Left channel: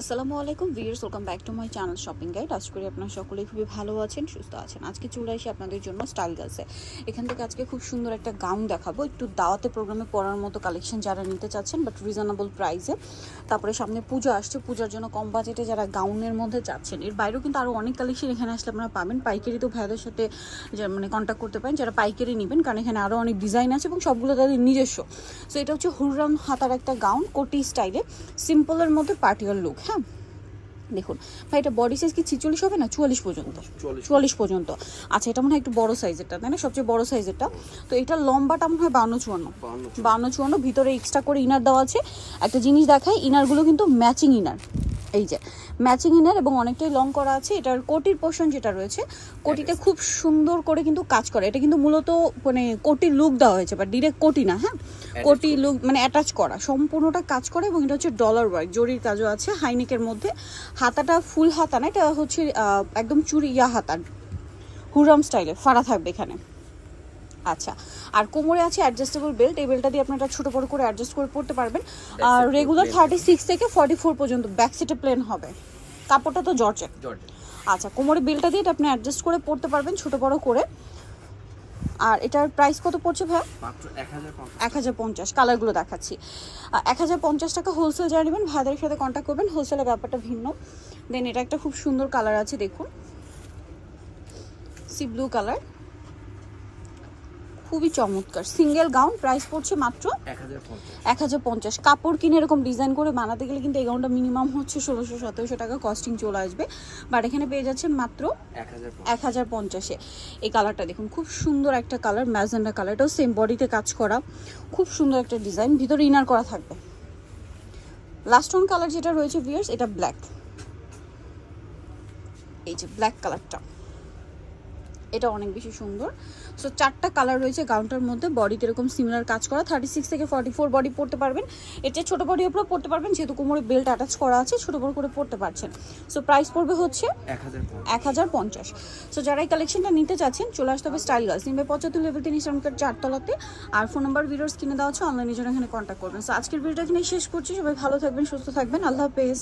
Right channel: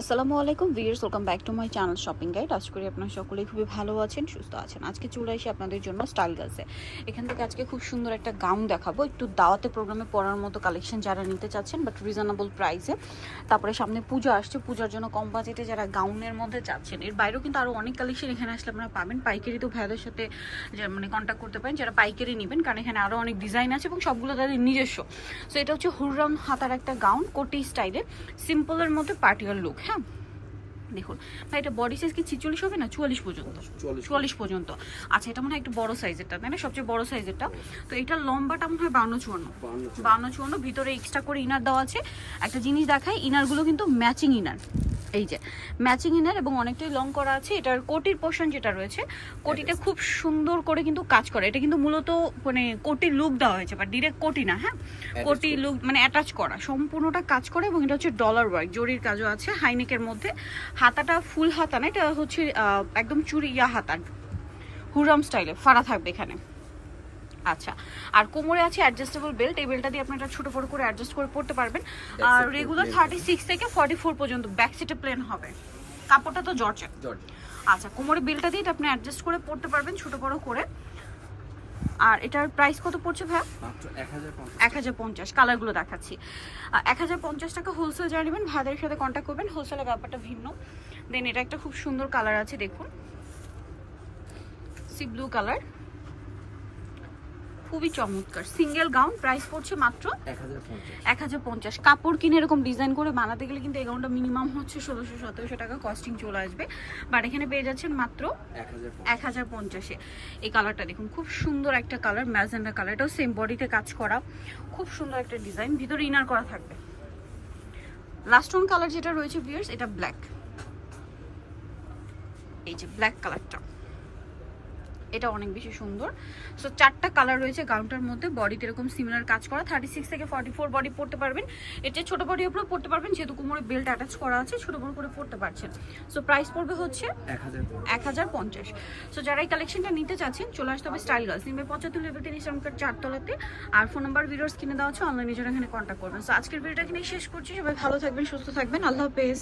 আসসালামু আলাইকুম viewers, welcome back to my channel shopping guide. আশা করি আপনারা সকলেই খুবই ভালো আছেন, সুস্থ আছেন। আজকে চলে আসি আপনাদের জন্য স্টাইল গার্লসে। এখান থেকে আজকে খুব সুন্দর একটা গাউন দেখাবো, একটু দাওয়াতে প্রোগ্রামে পরার মতো কালেকশন যারা নিতে চাচ্ছেন বাট রিজনেবল প্রাইসে। তারপরে সামনে পূজা আসছে, পূজার জন্য কম বাজেটে যারা গাউনের মধ্যে চাচ্ছেন, এর বাইরেও কিন্তু আরও অনেক কালেকশন এখানে আসলে আপনারা পাবেন। পাইকারি তো ভাইদের সাথে মানে কন্ট্যাক্ট করতে পারেন যারা পাইকারি নেবেন, কারণ এখানে আরও অনেক ডিজাইন আছে এবং সবগুলো তাদের নিজস্ব। সো এটা হচ্ছে হুররাম হাতার একটা গাউন, কোটি স্টাইলে, সিম্পলের মধ্যে পার্টিয়ার লুক। হ্যাঁ দেখুন ভাই, এটা বডি সাইজ কি 46 হবে না 44 পর্যন্ত? 44 পর্যন্ত। আচ্ছা, এটা মনে হয় একটু বড় সাইজেরটা, তাই না? সবচেয়ে বড় সাইজেরটা। তো এটা লম্বাটা মনে হয় 52-54, ভিতরে এক্সট্রা করে ইনার দেওয়া আছে। একটা জিনিস দেখাই, ইনারগুলো কিন্তু ম্যাচিং ইনার, এই যে ম্যাচিং ইনার, এবং অনেকটাই লং করা আছে। এটার কোটির পোর্শন যেটা রয়েছে, কোটিটা খুব সুন্দর করে কিন্তু কাজ করে। এটা কিন্তু মূলত মানে কোটির লুক দেওয়া হয়েছে, বাট ডিরেক্ট কোটি না। হ্যাঁ, কোটি লুক মানে অ্যাটাচ করা, সম্পূর্ণটা কাজ করে। এবং এটা হচ্ছে ডলার ওয়ার্ক, জরির কাজও আছে হাইনেকের মধ্যে। হাতাটা ফুল হাতা না, এটা হচ্ছে একদম চুরি হাতার, হুররাম স্টাইলে ফাড়া থাকবে এখানে। আচ্ছা, আর কোমরে আছে অ্যাডজাস্টেবল বেল্ট। এই বেল্টটা দিয়ে আপনারা ছোট বড় করে অ্যাডজাস্ট করে পড়তে পারবেন। আর রেগুলার 36 থেকে 44 পর্যন্ত, ব্যাক সাইডে প্লেন হবে। কাপড়টা তো জর্জেট। আচ্ছা, কোমরে বেল্টটা দিয়ে এটা আপনি অ্যাডজাস্ট করে পড়তে পারবেন ছোট বড় করে। আর এটার প্রাইস কত পড়ছে ভাই? মাত্র 1050। কালারগুলো দেখাচ্ছি। 1050 টাকা হোলসেল যারা নেবেন ভাইদের সাথে কন্ট্যাক্ট করবেন, হোলসেলের ব্যাপারটা ভিন্ন। দেন এটা একটা খুব সুন্দর কালার আছে, দেখুন সি ব্লু কালার, খুবই চমৎকার সিঙ্গেল গাউন। প্রাইস পড়ছে মাত্র 1050। কাপড় কিনে এরকম ডিজাইন করে বানাতে গেলে কিন্তু এই গাউনটা মিনিমাম হচ্ছে 1600-1700 টাকা কস্টিং চলে আসবে, বাট এখানে পেয়ে যাচ্ছেন মাত্র 1050-এ। এই কালারটা দেখুন, খুব সুন্দর একটা কালার, ম্যাজেন্ডা কালার। এটাও সেম বডিতে কাজ করা, খুব সুন্দর একটা ডিজাইন, ভিতরে ইনার করা থাকবে। লাস্ট ওয়ান কালার যেটা রয়েছে ভিউয়ার্স, এটা ব্ল্যাক, এই যে ব্ল্যাক কালারটা, এটা অনেক বেশি সুন্দর। সো 4টা কালার রয়েছে গাউনটার মধ্যে। বডিতে এরকম সিমিলার কাজ করা, 36 থেকে 44 বডি পড়তে পারবেন। এর চেয়ে ছোট বডি উপরে পড়তে পারবেন, যেহেতু কোমরে বেল্ট অ্যাটাচ করা আছে, ছোট বড় করে পড়তে পারছেন। সো প্রাইস পড়বে হচ্ছে 1050। সো যারা এই কালেকশনটা নিতে চাচ্ছেন চলে আসতে হবে স্টাইল গার্লস, নিবে 75 লেভেল 3 ইসলামকার 4 তলাতে। আর ফোন নাম্বার ভিডিওস কিনে দেওয়া হচ্ছে, অনলাইনে যারা এখানে কন্ট্যাক্ট করবেন। সো আজকের ভিডিওটা এখানে শেষ করছি। সবাই ভালো থাকবেন, সুস্থ থাকবেন, আল্লাহ হাফেজ।